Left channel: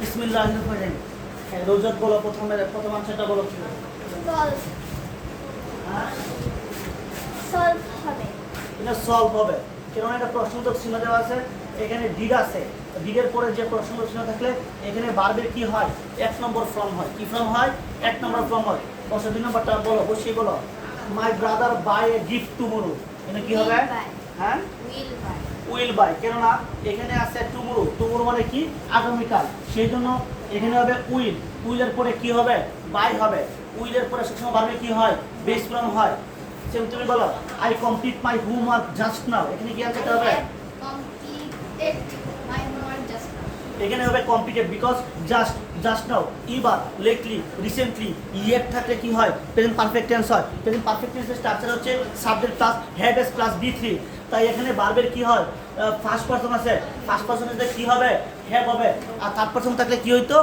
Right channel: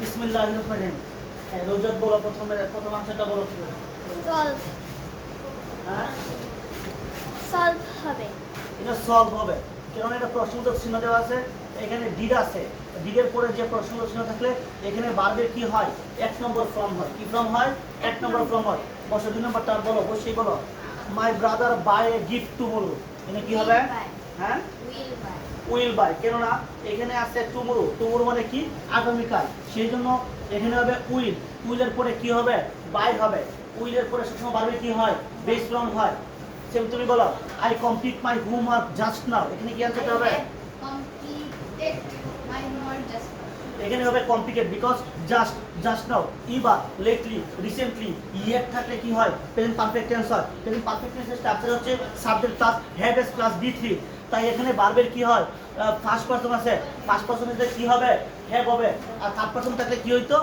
বিসমিল্লাহির রহমানির রহিম। রোজাত বলো প্রথম অংশটা বলো কি? সলভ হ্যাঁ, সলভ হবে। এটা সলভ হবে। কারণ একটা প্রশ্নবোধক চিহ্ন দেওয়া আছে, এখানে ডিড আছে। ডিডের পরে যে প্রশ্নবোধক চিহ্ন থাকলে এখানে বারবের কি হয়? এক নম্বর ফর্ম হয়। কি ফর্ম হয়? এক নম্বর ফর্ম হয়। বসো 2 নম্বরটা বলো, বসে বলো। My brother buy a gift tomorrow. এখানে কি হবে? Will buy. হ্যাঁ, Will buy. Will buy. কেননা এখানে আছে টুমরো। টুমরো মানে কি? আগামীকাল। সেই জন্য এখানে হবে উইল। উইলের পরে কি হবে? বাই হবে। উইলের পরে সবসময় বারবে কি হয়? বেস ফর্ম হয়। সেম তুমি বলো, I complete my homework just now. এখানে কি আনসারটা হবে? Completed my homework just now. এখানে হবে কমপ্লিটেড, বিকজ জাস্ট নাও। এবার লেটলি, রিসেন্টলি, ইয়েট থাকলে কি হয়? প্রেজেন্ট পারফেক্ট টেন্স হয়। প্রেজেন্ট পারফেক্ট টেন্সের স্ট্রাকচার হচ্ছে subject plus had S plus বি3। তাই এখানে ভার্বের কি হয়? ফার্স্ট পারসন আছে। ফার্স্ট পারসনে কি হবে? হ্যাভ হবে। আর থার্ড পারসন থাকলে কি হইতো?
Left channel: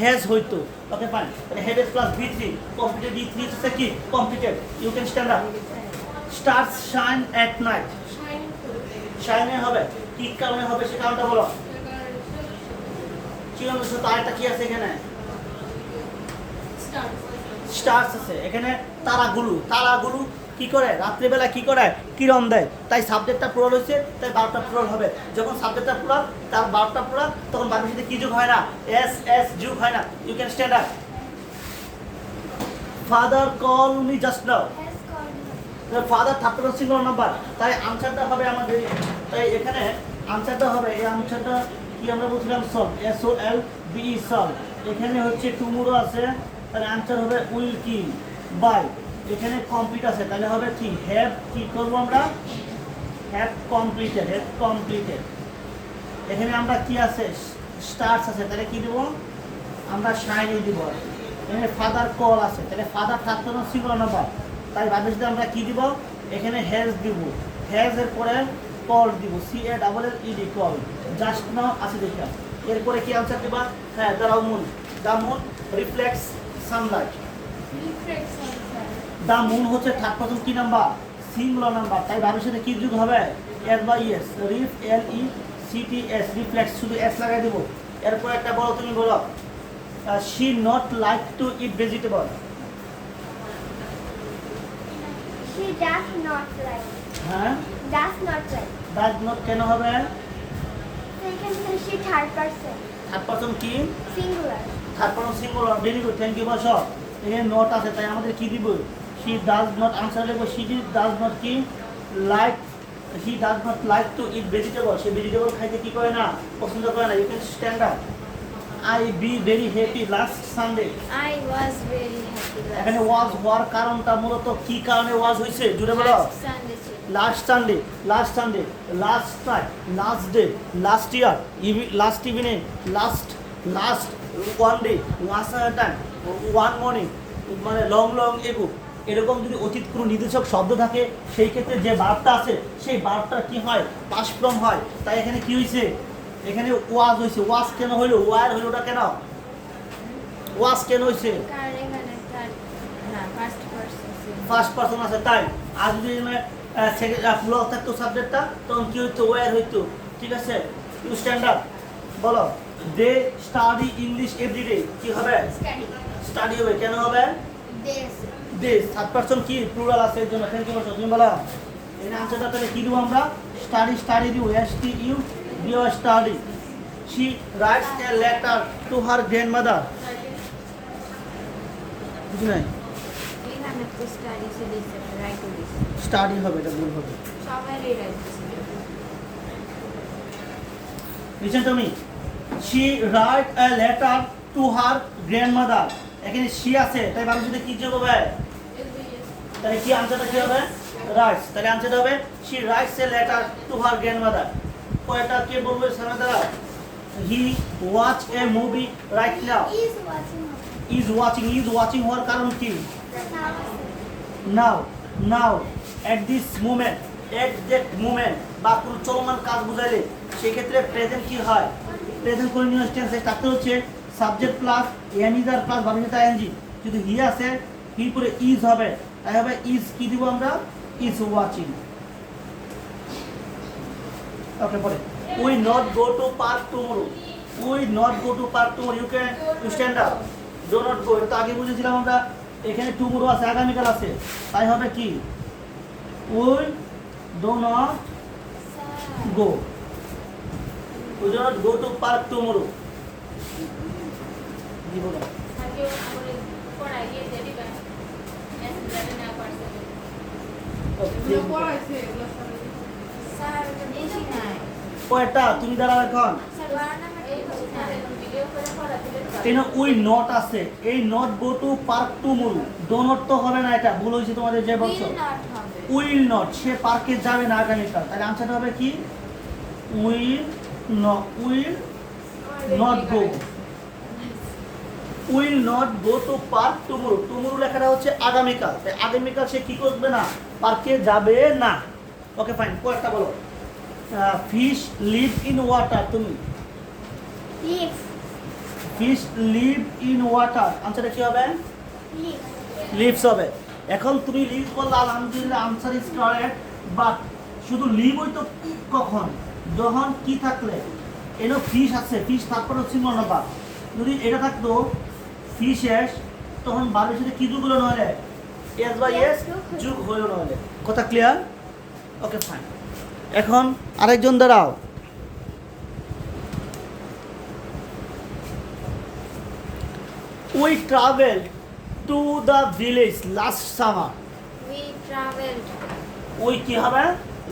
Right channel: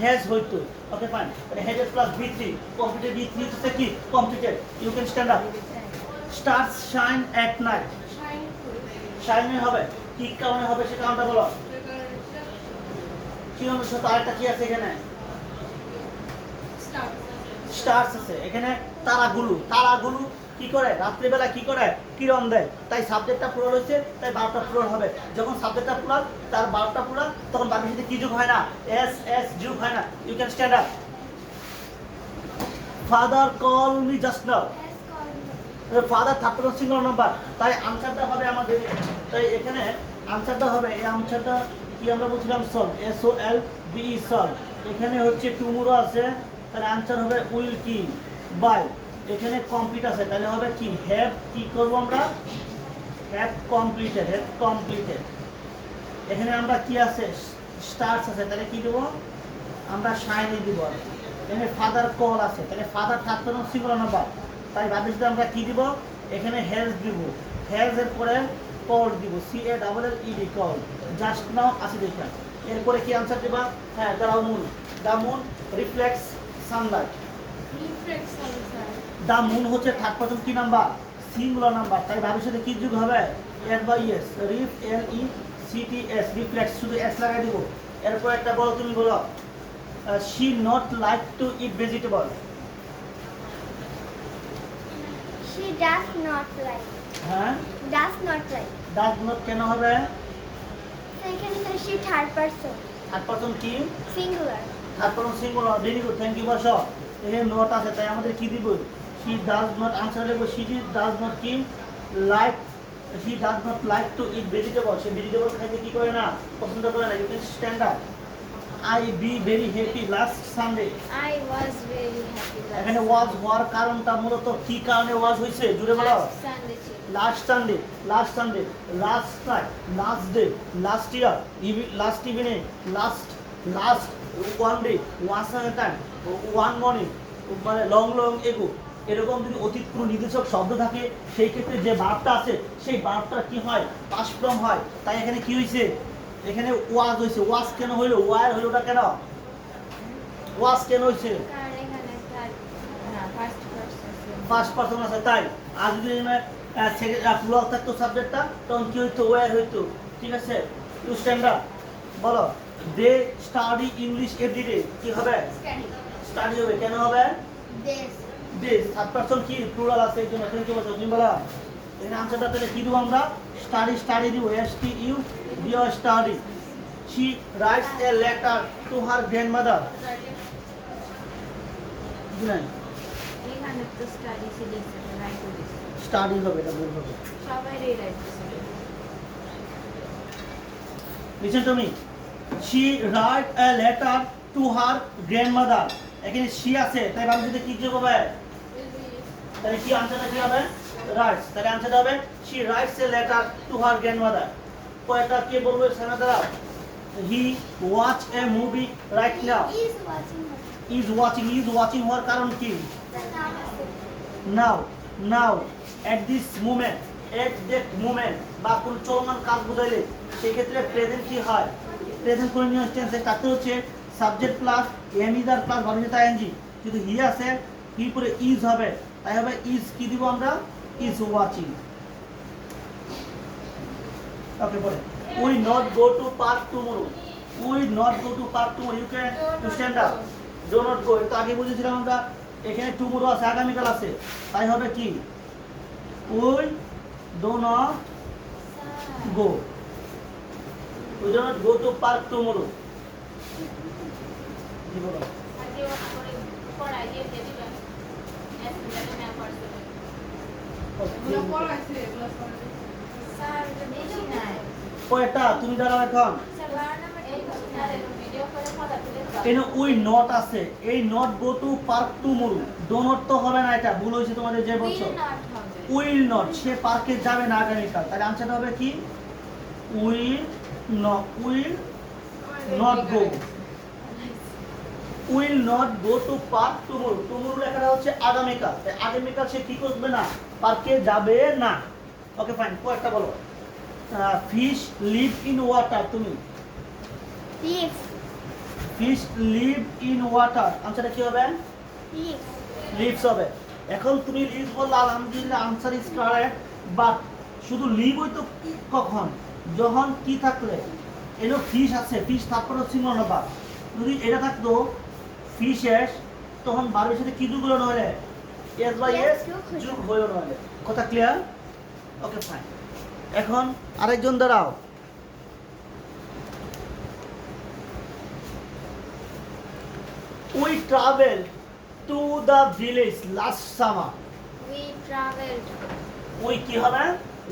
হ্যাজ হইতো। Okay fine. Had S plus বি3, কমপ্লিটেড। বি3 হচ্ছে কি? Completed. You can stand up. Stars shine at night. শাইনে হবে। কি কারণে হবে সে কারণটা বলো। কি অনুষ্ঠ তারটা কি আছে এখানে? স্টার্স আছে এখানে। তারাগুলো কি করে? রাত্রিবেলা কি করে? কিরণ দেয়। তাই সাবজেক্টটা প্লুরাল হচ্ছে, তাই ভার্বটা প্লুরাল হবে। যখন সাবজেক্টটা প্লুরাল, তার ভার্বটা প্লুরাল, তখন ভার্বের সাথে কি যোগ হয় না? এস যোগ হয় না। You can stand up. Father call me just now. Has called me. Father third person singular number. তাই আনসারটা হবে আমাদের, তাই এখানে আনসারটা হবে, এই আনসারটা কি আমরা বলছিলাম? সলভ। SOLVE solve. এখানে হচ্ছে টুমরো আছে, তাহলে আনসার হবে উইল কি? বাই। এখানে কমপ্লিট আছে, তাহলে হবে কি? হ্যাভ। কি করবো আমরা? Have completed. এখানে আমরা কি আছে? স্টার্স আছে, তাহলে কি দেবো? আমরা শাইনি দিব। এখানে ফাদার কল আছে, তাহলে father third person singular number. তাই ভাবের সাথে আমরা কি দিব? এখানে হ্যাজ দিব। হ্যাজ এর পরে কল দিব। CALLED call. জাস্ট নাও আছে দেখবেন। এরপরে কি আনসার দেবা? হ্যাঁ, the moon reflects Sunlight. Reflects on the sun. The moon হচ্ছে থার্ড পারসন কি নাম্বার? Singular number. তাই ভাবের সাথে কি যুগ হবে? এস বা ইএস। REFLECTS রিফ্লেক্স, শুধু এস লাগাই দিব। এরপর একটা বলো, তুমি বলো। She not like to eat vegetable. She does not like. হ্যাঁ, Does not like. Does not কেন হবে? So এখানে তাহলে she third person. Third person কি? Singular. Third person singular. Very good, thank you. বসো। এখানে নট আছে, তাই আমাদের কি দিব? She does not. আনসার দেবো শি ডাজ নট কি? Like. She does not like to eat vegetable. সে ভেজিটেবল খাইতে কি করে না? পছন্দ করে না। You can stand up. I be very happy last Sunday. I was very happy এখানে ওয়াজ হওয়ার কারণটা মূলত কি কারণে ওয়াজ হয়েছে? জুড়ে বলো। Sunday ছিল। Last Sunday, last time, last day, last year, last evening, last one day, last time, one morning, মানে লং এগো। এরকম যদি অতীত কোনো নির্দেশক শব্দ থাকে, সেই ক্ষেত্রে যে ভার্বটা আছে সেই ভার্বটা কি হয়? পাস্ট ফর্ম হয়। তাই এখানে কি হয়েছে? এখানে ওয়াজ হয়েছে। ওয়াজ কেন হইলো? ওয়ার হইলোটা কেন? ওয়াজ কেন হয়েছে? কারণ এখানে third না first person ছিল। ফার্স্ট পারসন আছে, তাই। আর যদি প্লুরাল থাকতো সাবজেক্টটা, তখন কি হইতো? ওয়ার হইতো। ঠিক আছে, ইউ স্ট্যান্ড আপ। বলো, দে স্টাডি ইংলিশ এভরিডে। কি হবে? স্টাডি হবে। কেন হবে? This. দে থার্ড পারসন কি? প্লুরাল আছে, এর জন্য। Thank you. বসো, তুমি বলো। এই আনসারটা তাহলে কি দিব আমরা? স্টাডি দিব। STUDY study. She rights a letter to her grandmother. বুঝি নাই? এখানে তো study ছিল, রাইট দিছে। স্টাডি হবে, এটা ভুল হবে। সবারই রাইট দিছে। Listen to me. She write a letter to her grandmother. এখানে she আছে, তাই ভাবছি যে কি যোগ হবে? তাহলে কি আনসারটা কি হবে? রাইটস। তাহলে আনসারটা হবে she writes a letter to her grandmother. তো এটা কে বলবে? সামনে দাঁড়াও। He watch a movie right now. Is watching. Is watching হওয়ার কারণ কি? Now at this moment, at that moment, বা কোন চলমান কাজ বুঝাইলে সেই ক্ষেত্রে প্রেজেন্ট কি হয়? Present continuous tense. তাতে হচ্ছে subject plus am is are plus verb ING. যদি হি আছে, হি পরে ইজ হবে। তাই হবে ইজ কি দিব আমরা? Is watching. ওকে, পরে we not go to park tomorrow. Will not go to park tomorrow you can stand up do not go এটা আগে বুঝেছিলাম আমরা এখানে টুমরো আছে আগামীকাল আছে তাই হবে কি will do not go will not go to park tomorrow কি বলো আগে ওরে পড়াইয়ে দেবি বা এসে না পড়ছে স্যার তো বুঝি নাই ওটা তুমি দাঁড়াও এখন স্যার বানানা ভিডিও করে পড়াতে কেন উই নট আছে এই not go to park tomorrow do not তো হবে না এটা ভুল হয়েছে তোমাদের যে বলছো উইল নট হবে উইল নট সে পার্কে যাবে না আগামীকাল তাহলে আনসারটা হবে কি will not go will not go to park tomorrow tomorrow লেখাটা হচ্ছে আগামীকাল তাই আগামীকাল সে কি করবে না পার্কে যাবে না ওকে ফাইন কোয়াটা বলো ফিশ লিভ ইন ওয়াটার তুমি live fish live in water আনসারটা কি হবে লিভ লিভস হবে এখন তুমি লিভ বললে আলহামদুলিল্লাহ আনসার ইজ কারেক্ট বাট শুধু লিভ হইতো কখন যখন কি থাকলে এনো ফিশ আছে ফিশ তারপর হচ্ছে মনোভাব যদি এটা থাকতো ফিশেস তখন বারের সাথে কি যুগ হলো নইলে এস বাই এস যুগ হলো নইলে কথা ক্লিয়ার ওকে ফাইন এখন আরেকজন দাঁড়াও we travel to the village last summer we travelled ওই কি হবে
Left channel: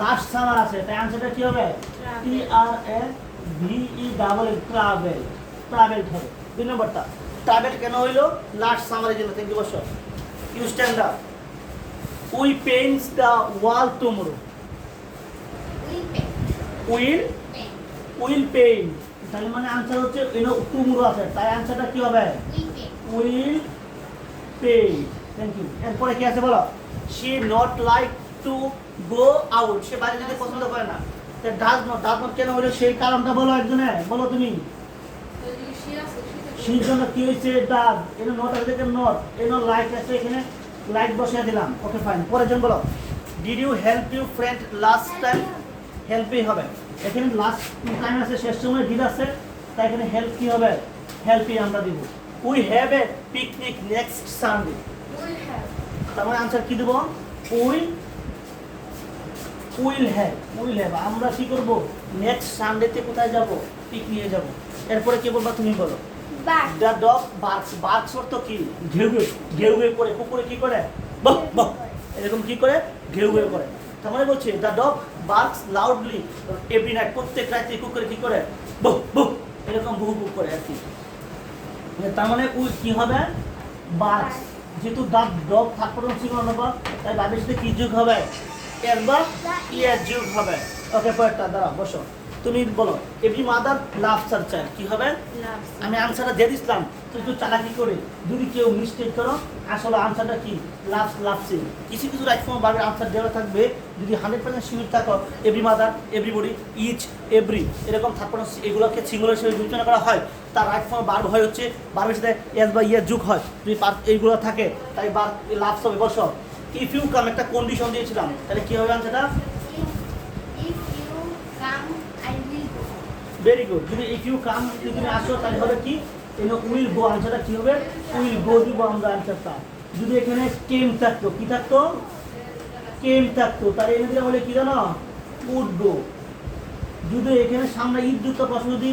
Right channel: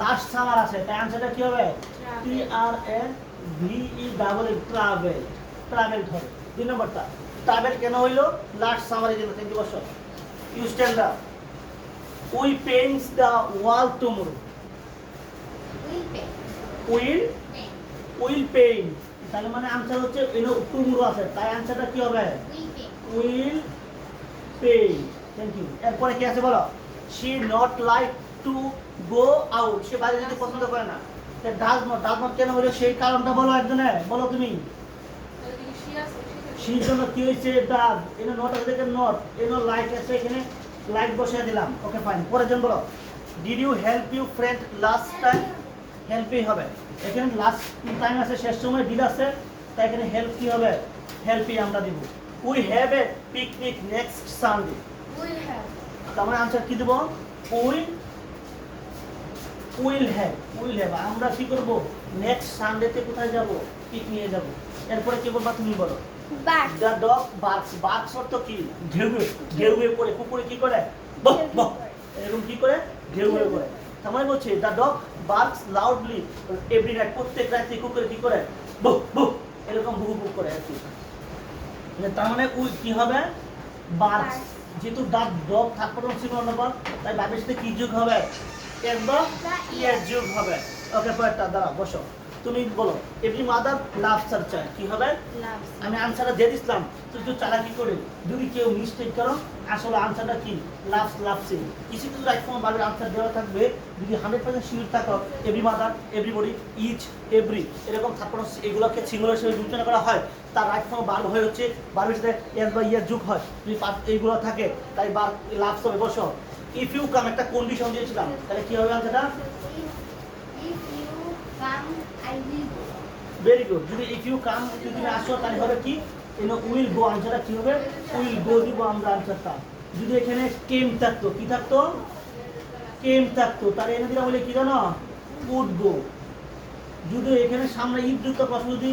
লাস্ট সামার আছে তাই আনসারটা কি হবে Travel. T R N V E double A travel travel হবে দুই নম্বরটা ট্রাভেল কেন হইলো লাস্ট সামারের জন্য 3 বছর you stand up we paints the wall tomorrow will pay will will paint তাহলে মানে আনসার হচ্ছে এনো টুমরো আছে তাই আনসারটা কি হবে will pay will pay thank you এরপরে কি আছে বলো she not like to go out সে বাইরে যেতে পছন্দ করে না ডাজ নট কেন হলো সেই কারণটা বলো একজনে বলো তুমি সেই জন্য কি হয়েছে ডাজ এনো নট আছে দেখে নট এনো লাইক আছে এখানে লাইক বসিয়ে দিলাম ওকে ফাইন পরের জন বলো did you help you friend last time হেল্পই হবে এখানে লাস্ট টাইম আছে শেষ সময় ডিড আছে তাই এখানে হেল্প কি হবে হেল্পই আমরা দিব we have a picnic next Sunday will have তার মানে আনসার কি দেব উইল হ্যাভ আমরা কি করব নেক্সট সানডেতে কোথায় যাব পিকনিকে যাব এরপরে কি বলবা তুমি বলো বাট দ্য ডগ বার্কস অর্থ কি ঘেউ ঘেউ করে কুকুরে কি করে বক বক এরকম কি করে ঘেউ ঘেউ করে তার মানে বলছে the dog barks loudly every night প্রত্যেক রাতে কুকুরে কি করে বক বক এরকম ভু ভু করে আর কি তার মানে উই কি হবে বার্কস যেহেতু the dog third person singular number তাই ভাবের সাথে কি যোগ হবে এর বা ইয়ার যোগ হবে ওকে পরেরটা দাঁড়া বসো তুমি বলো every mother loves her child কি হবে লাভস আমি আনসারটা দিয়ে দিচ্ছিলাম তুই একটু চালাকি করে যদি কেউ মিস্টেক করো আসলে আনসারটা কি লাভসে কিছু কিছু রাইট ফর্ম ভাবে আনসার দেওয়া থাকবে যদি 100% শিওর থাকো every mother everybody each every এরকম থাকবে এগুলোকে সিঙ্গুলার হিসেবে বিবেচনা করা হয় তার রাইট ফর্ম বার হয় হচ্ছে বারের সাথে এস বা ইয়ার যুগ হয় যদি এইগুলো থাকে তাই বার লাভস হবে বসো ইফ ইউ কাম একটা কন্ডিশন দিয়েছিলাম তাহলে কি হবে আনসারটা if you come I will go very good যদি ইফ ইউ কাম যদি তুমি আসো তাহলে হবে কি এনো উইল গো আনসারটা কি হবে উইল গো দিব আমরা আনসারটা যদি এখানে কেম থাকতো কি থাকতো কেম থাকতো তাহলে এনে দিলাম বলে কি জানো উড গো যদি এখানে সামনে ইফ দুটো প্রশ্ন যদি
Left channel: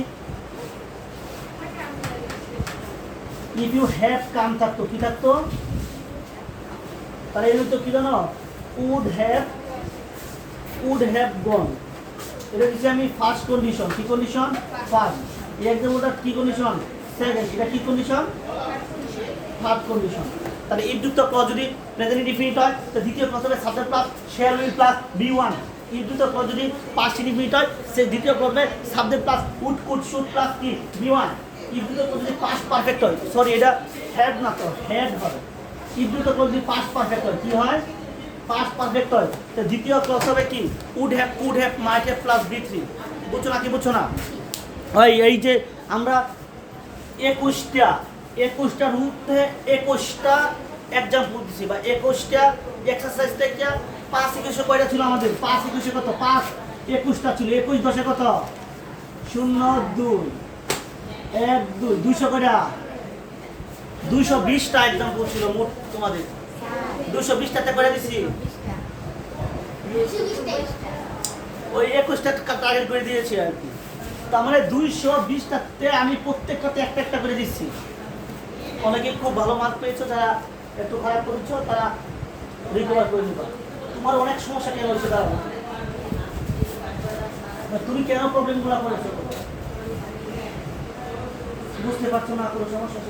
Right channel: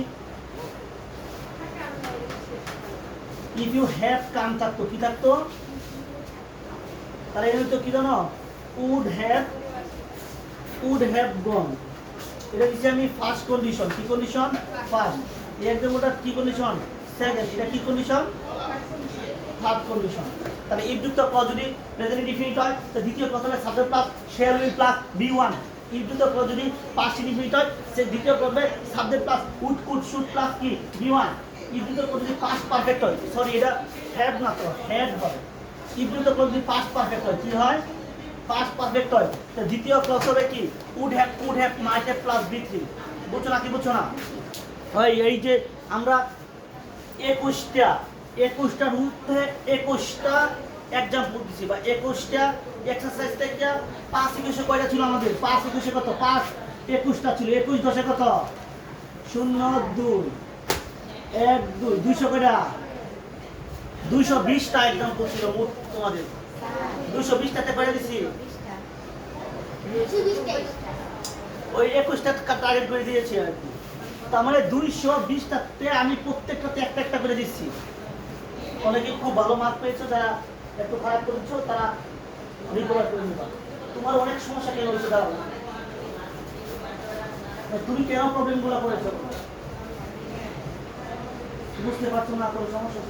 ইফ ইউ হ্যাভ কাম থাকতো কি থাকতো তাহলে এনে তো কি জানো উড হ্যাভ গন এটা দিচ্ছি আমি ফার্স্ট কন্ডিশন কি কন্ডিশন ফার্স্ট এই এক্সাম্পলটা কি কন্ডিশন সেকেন্ড এটা কি কন্ডিশন থার্ড কন্ডিশন তাহলে ইফ যুক্ত ক্লজ যদি প্রেজেন্ট ডিফিনিট হয় তো দ্বিতীয় ক্লজে subject plus shall will plus বি1 ইফ যুক্ত ক্লজ যদি পাস্ট ডিফিনিট হয় সে দ্বিতীয় ক্লজে subject plus would could should plus কি বি1 ইফ যুক্ত ক্লজ যদি পাস্ট পারফেক্ট হয় সরি এটা হ্যাড না তো হ্যাড হবে ইফ যুক্ত ক্লজ যদি পাস্ট পারফেক্ট হয় কি হয় পাস্ট পারফেক্ট হয় তো দ্বিতীয় ক্লজ হবে কি would have might have plus বি3 বুঝছো না কি বুঝছো না হয় এই যে আমরা 21টার মধ্যে 21টা এক্সাম্পল দিছি বা 21টা এক্সারসাইজ থেকে 5 21 কয়টা ছিল আমাদের 5 21 কত 5 21টা ছিল 21 10 কত 0 2 এক দুই 200 করে 220টা एग्जांपल ছিল মোট তোমাদের 220টাতে করে দিছি ওই 21টা টার্গেট করে দিয়েছি আর কি তার মানে 220টাতে আমি প্রত্যেকটাতে একটা একটা করে দিচ্ছি অনেকে খুব ভালো মার্ক পেয়েছো যারা একটু খারাপ করেছো তারা রিকভার করে নিবা তোমার অনেক সমস্যা কেন হচ্ছে দাঁড়াবো তুমি কেন প্রবলেমগুলো করেছো বুঝতে পারছো না কোনো সমস্যা